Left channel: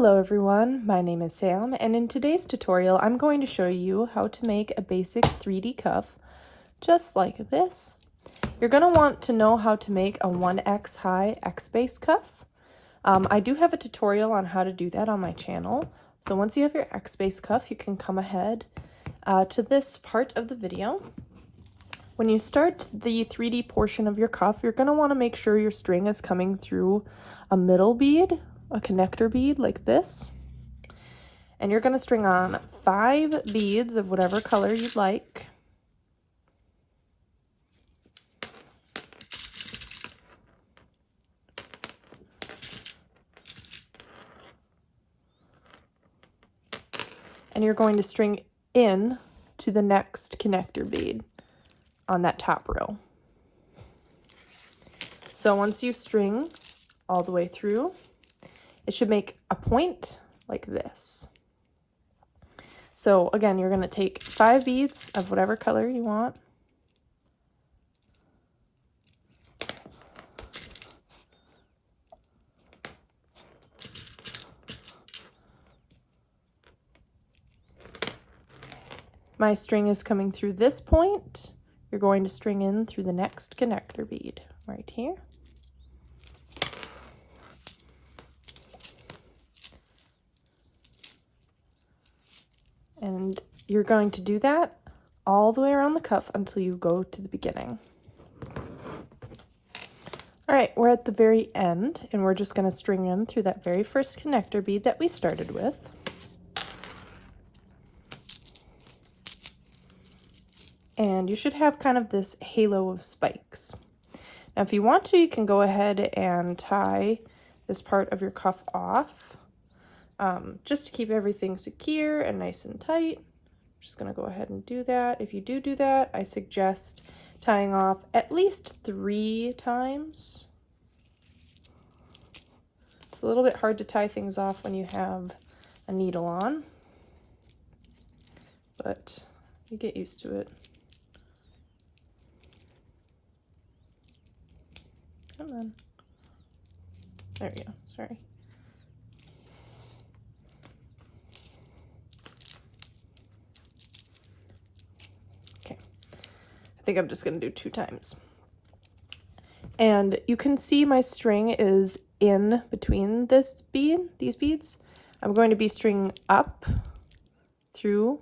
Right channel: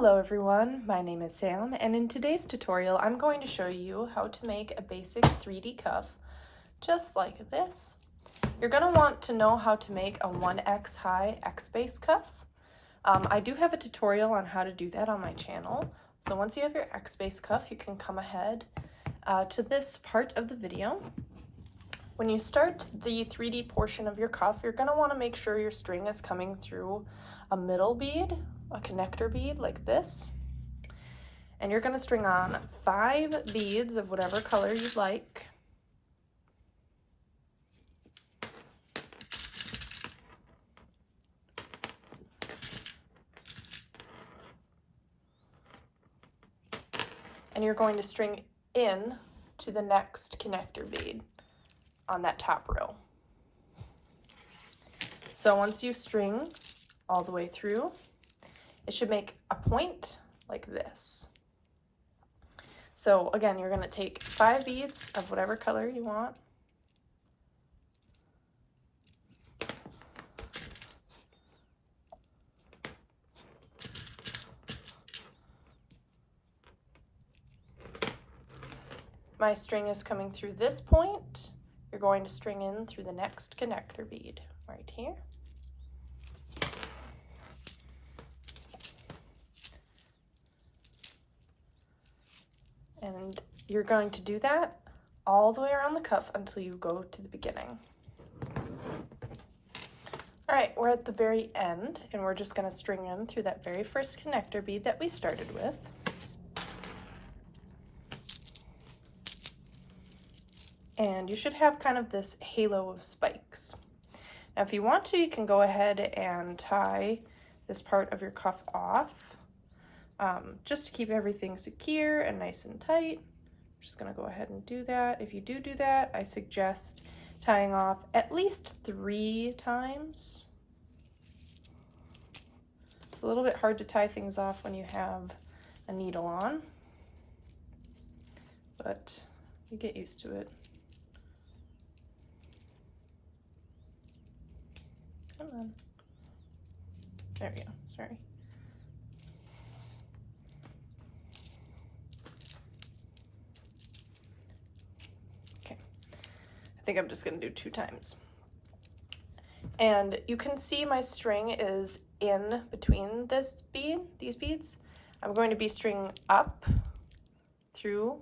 Hello everyone, my name is Sam, and in today's tutorial I'm going to show you how to make a basic 3D cuff just like this. You're going to want to know how to make a 1x high X-base cuff. I do have a tutorial on how to do that on my channel, so once you have your X-base cuff you can come ahead to this part of the video. When you start the 3D portion of your cuff, you're going to want to make sure your string is coming through a middle bead, a connector bead like this, and you're going to string on 5 beads of whatever color you'd like. And you're going to string in to the next connector bead on that top row. So once you string all the way through, it should make a point like this. So again, you're going to take 5 beads of whatever color you want. My string is coming through this point. You're going to string in through the next connector bead right here. And you're going to do that all the way around the cuff until you go to the beginning. All right, we're at the very end, and we're just going to string in through that very first connector bead that we started with. And you should have kind of this halo of spikes. Now if you want to, you can go ahead and tie this part of your cuff off, just to keep everything secure and nice and tight. I'm just going to go ahead and do that. If you do that, I suggest tying off at least 3 times. It's a little bit hard to tie things off when you have a needle on, but you get used to it. Come on. There we go, sorry. Okay, I think I'm just gonna do 2 times. And you can see my string is in between this bead, these beads. I'm going to be stringing up through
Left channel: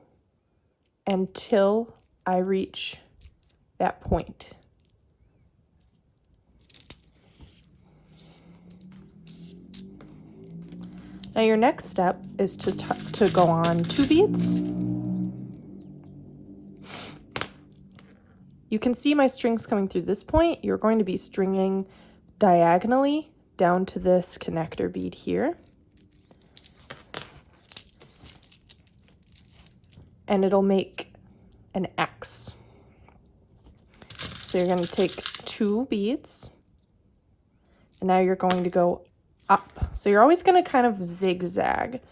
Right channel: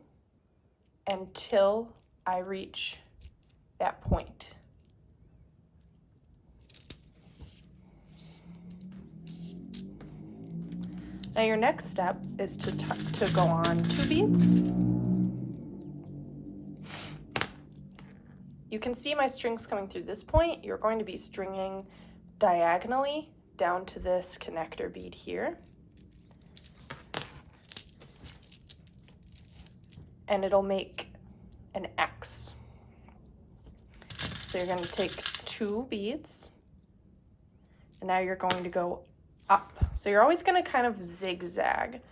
until I reach that point. Now your next step is to go on 2 beads. You can see my strings coming through this point. You're going to be stringing diagonally down to this connector bead here. And it'll make an X. So you're going to take 2 beads, and now you're going to go up. So you're always going to kind of zigzag.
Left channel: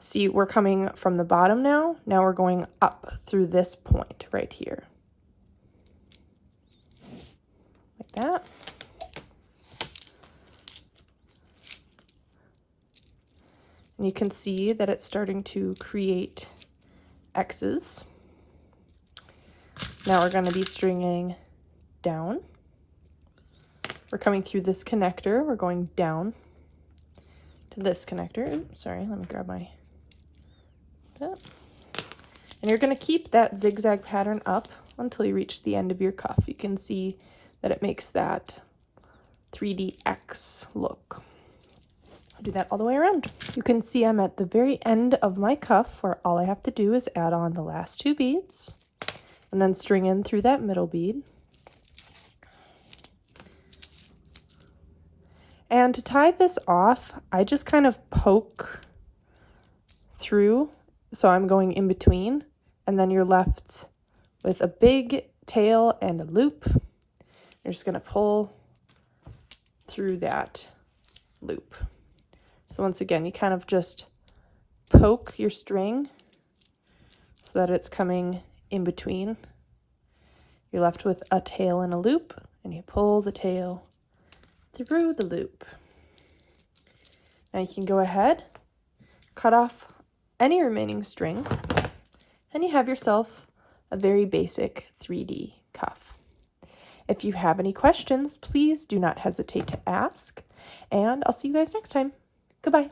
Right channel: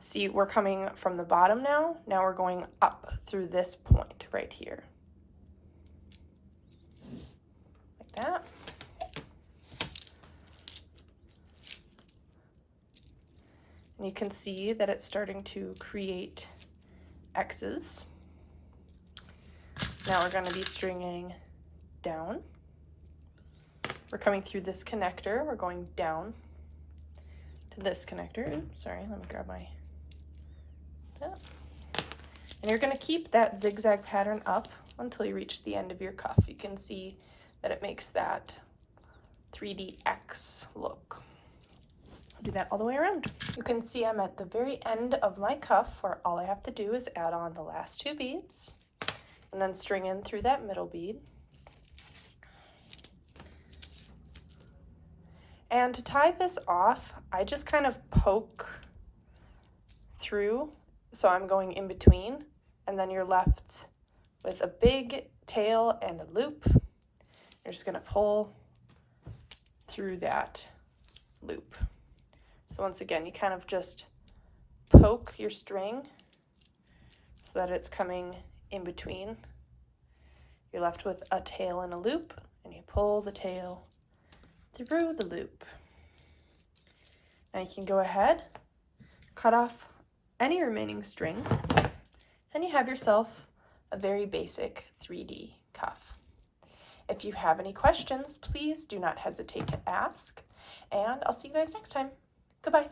See, we're coming from the bottom now. Now we're going up through this point right here. Like that. And you can see that it's starting to create X's. Now we're going to be stringing down. We're coming through this connector. We're going down to this connector. Oops, sorry, let me grab that. And you're going to keep that zigzag pattern up until you reach the end of your cuff. You can see that it makes that 3D X look. I'll do that all the way around. You can see I'm at the very end of my cuff, where all I have to do is add on the last 2 beads and then string in through that middle bead. And to tie this off, I just kind of poke through, so I'm going in between, and then you're left with a big tail and a loop. You're just gonna pull through that loop. So once again, you kind of just poke your string so that it's coming in between. You're left with a tail and a loop, and you pull the tail through the loop. Now you can go ahead cut off any remaining string, and you have yourself a very basic 3D cuff. If you have any questions, please do not hesitate to ask, and I'll see you guys next time. Goodbye.